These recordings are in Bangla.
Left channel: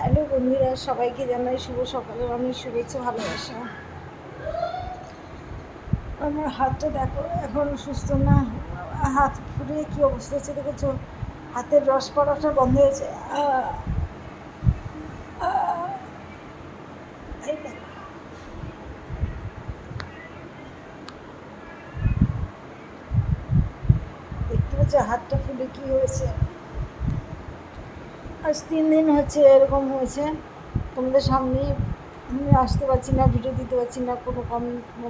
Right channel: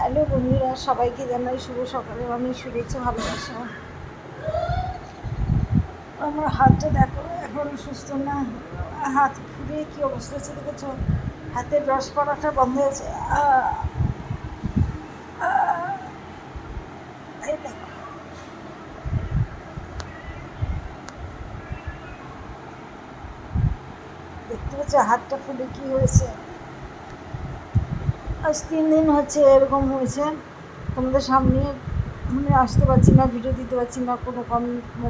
হ্যালো বন্ধুরা, সবাইকে জানাই শুভ সকালে আমি শুভেচ্ছা ভালোবাসা। আমার হাতটা দেখো এখন সুস্থ না, হাত ফুলে কী অবস্থা হচ্ছে দেখেছো, হাতের রস পড়াটা বন্ধ হয়েছে। এই দেখো, দেখতে পাচ্ছ হাতটা ফুলে কী হয়েছে। আজ 3 দিন হচ্ছে এরকম হয়েছে। তোমাদের সামনে মানে আসতে পারছি না, ভিডিও দিতে পারছি না, কোনো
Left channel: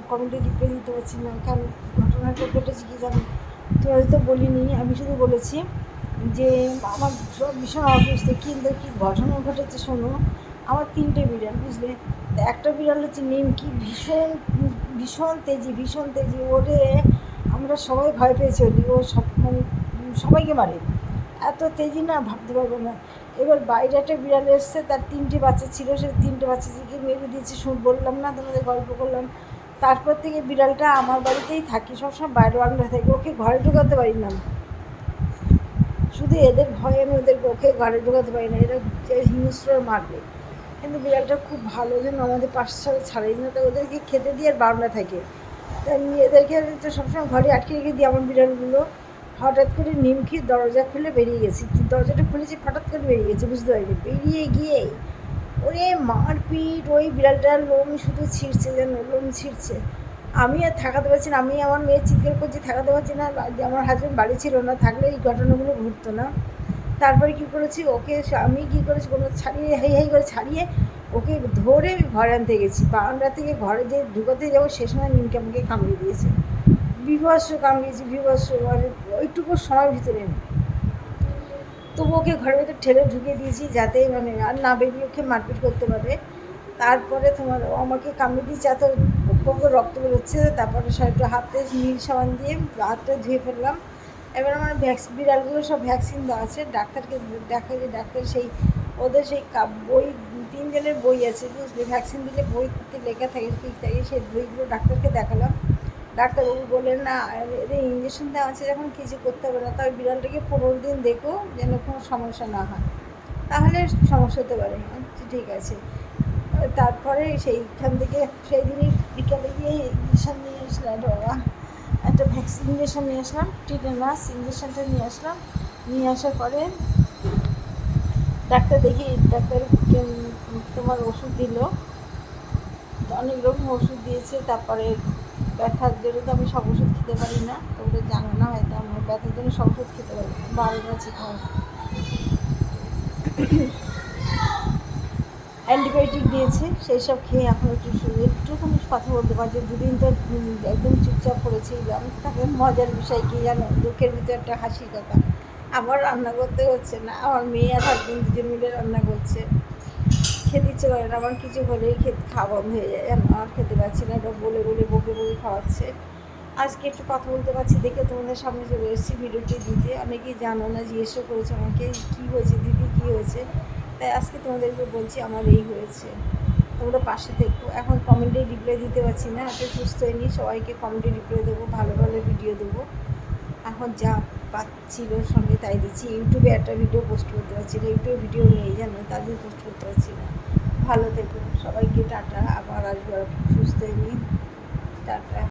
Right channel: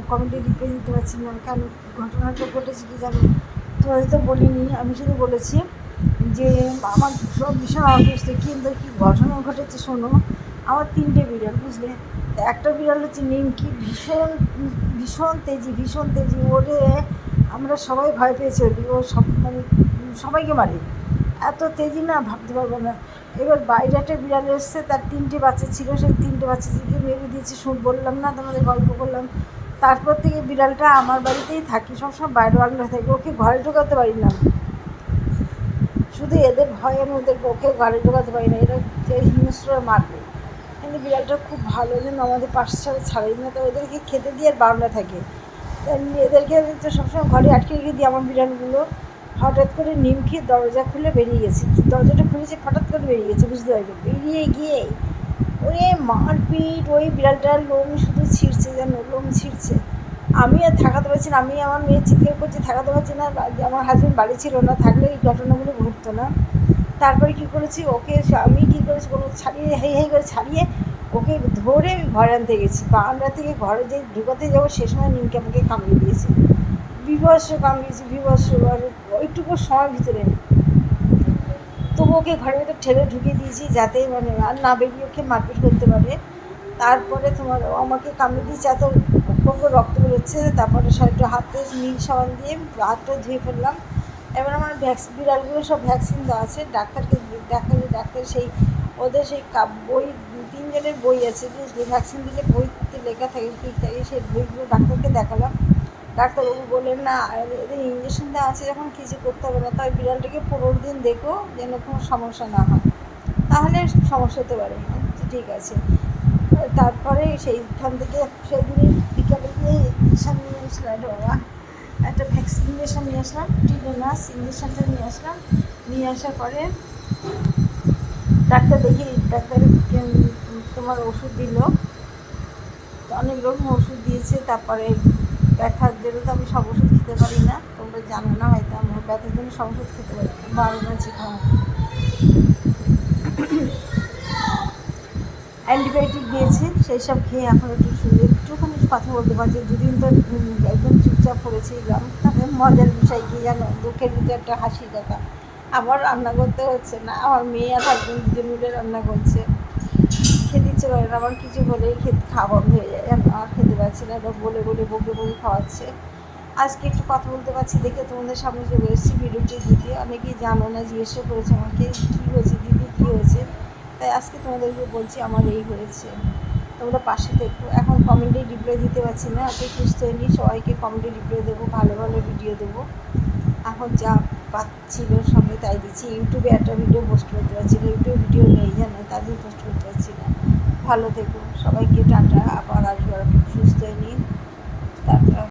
কমেন্টে রিপ্লাই দিতে পারছি না। কেন ঘটনাটা ঘটেছে কি জানি, তোমাদের তো বলিনি, আমি শুধু বলেছি যে আমার সব ভীষণ অসুস্থ। কিন্তু কী ঘটনা ঘটেছে শোনো। আমার 3টে বিড়াল, বুঝলে। একটা বিড়াল হচ্ছে নিমকি, ভীষণ ভীষণ তেজি ওরে আমরা সবাই ভয় পেয়ে চলি। ও সব মানে সবাইকে মারে, এত তেজি না ভাবতে পারবো না। এবার বাইরে একটা বিড়াল এসছে, তার 3টে বাচ্চা ছিল, সেই 3টে বাচ্চাকে মেরে দিয়েছে। বললাম না তোমাদের, গল্প করলাম। তারপর থেকে বিড়ালটা আমার বাড়িতেই থাকি, সবসময় বাইরে বারান্দা থাকি, ওকে ঘরে ঢোকাতে পারি না। শুধু এদের ভয়ে আমি ওকে ঘরে ঢোকাতে পারি না, এরা হিংস্র মারবে। কিন্তু বিড়ালটা খুব ভালো, যেন আমাদের পাশে ছাড়া ছাড়াই না, তো ওদেরকে খেতে দিয়ে আর বারান্দা থাকে। তা এদেরকে তো সবসময় ঘরে আটকে রেখে দিই আমার বিড়ালগুলো। হঠাৎ করে নিমকি দরজা খুলে বেরিয়ে গেছি, দরজাটা খুলেছি, হঠাৎ করে বেরিয়ে গেছে, বুঝতে পারিনি। বেরিয়ে গিয়ে ওরে মারপিট, ওই বিড়ালটার লোম শুধু ছিঁড়ছে, যেন লোম ছিঁড়ছে। আমি আর থাকাতে পারছি না, আমি আমার মেয়ে চিৎকার করছি, থাকাতে পারছি না। আমার হাজব্যান্ড বাড়ি ছিল না, থাকলে এই ঘটনাগুলো ঘটতো না। তারপরে কী করেছি, ওকে আমি কী করেছি, কোনো ছাড়িয়ে হেই করে ছাড়িয়ে ওকে ধরে ঘরে আনতে গেছি। বারান্দা থেকে ঘরে যে ঢুকাতে যাবো সে সময় নিমকে আমাকে কামড়ে দিয়েছে, বিভৎস কামড়িয়েছি, বিভৎস। আর ওইটুকু সময়ের ভিতরে তবু ওকে ঘরের ভিতরে ঠেলে ঢুকিয়ে দিয়েছি, যাতে মানে আর না বেরিয়ে ওকে মারপিট করতে পারে। তারপরে তোমার আমাকে কামড়ে দিয়েছে, এত রক্ত বেরোচ্ছে। তারপরে একটু হাতে নীল সাবান দিয়ে হাতটা ধুয়ে ফেললাম। এবার আমার বিড়ালগুলো সব ভ্যাকসিন দেওয়া আছে। ডাক্তার সেই ওদের সেই বই, 3 জনের বই আছে, বুঝলি। ভ্যাকসিন দিলে বইতে লেখা থাকে, ঠিক থাকে, সেই বইগুলো ডাক্তারকে দেখালাম। ডাক্তারবাবু বললেন না, এদের ইঞ্জেকশন দেওয়া আছে যখন কিছু করতে হবে না, তবে বিড়ালটাকে 15 দিন দেখো যেন কোনো সমস্যা না হয়, তাহলে সমস্যা হতে পারে। ঠিক আছে। তারপরে সেইখান থেকে সেদিনই বিকালে গিয়ে ইঞ্জেকশন নিয়ে আসলাম। বাবা, একটা ভ্যাকসিন ইঞ্জেকশন নিয়ে আসলাম, টিটেনাস ইঞ্জেকশনটা নিয়ে আসলাম। নিয়ে আসার পরে ডাক্তার তোমার ওষুধ দিল, অনেক রকম ওষুধ দিয়েছে। তারপরে ব্যথার জন্য তো আমি সব ওষুধ খেতে পারি না, তোমরা জানো না হয়তো, আমার ব্যথার জন্য সব ওষুধ খেতে পারি না, 12 আছে খাওয়া। অ্যান্টিবায়োটিক দিয়েছে, সেই সব খেয়ে এখন একটুখানি কথা বলতে পারছি। 2 দিন তো একদম চুপচাপ পড়েছিলাম। তাকে মজার বিষয় কী জানো, দুঃখের ভিতরে একটা হাসির কথা, আবার রান্না করতে হচ্ছে না, আমার মেয়ে আর হাজবেন্ড 2জন মিলে রান্না করছে। খেতে ইচ্ছে করে না আমার, কিছু হলেই খাওয়া বন্ধ হয়ে যায়, জানো, আর খেতে পারছি না। এবার বলে বকে খাওয়াচ্ছে। আজকে একটু কথা বলতে পারছি দেখে তোমাদের সামনে চলে এসেছি ভিডিওটি দিতে। অনেকেই জানো না, জিজ্ঞেসও করেছে আমাকে কী হয়েছে দিদি, কী হয়েছে। তাই আজকে তোমাদেরকে বলছি আমার এই হয়েছে, তোমরা পাশে থেকো। এখন কমেন্টে রিপ্লাই দিতে পারছি না, এত সুস্থ হয়নি। সবাইকে কমেন্টে রিপ্লাই দেবো, ভালো ভালো ভিডিও দেবো। এখন যা পাচ্ছিল সঙ্গে তাই দিচ্ছি। ইউটিউবে একটা ভিডিও পোস্ট করতে পারছি না, ইউটিউবে ভিডিও নেই জানো, তার জন্য পোস্ট করতে পারছি না। ভালো থেকো সবাইকে, টাটা। আবার আসবো সুস্থ হয়নি, টাটা।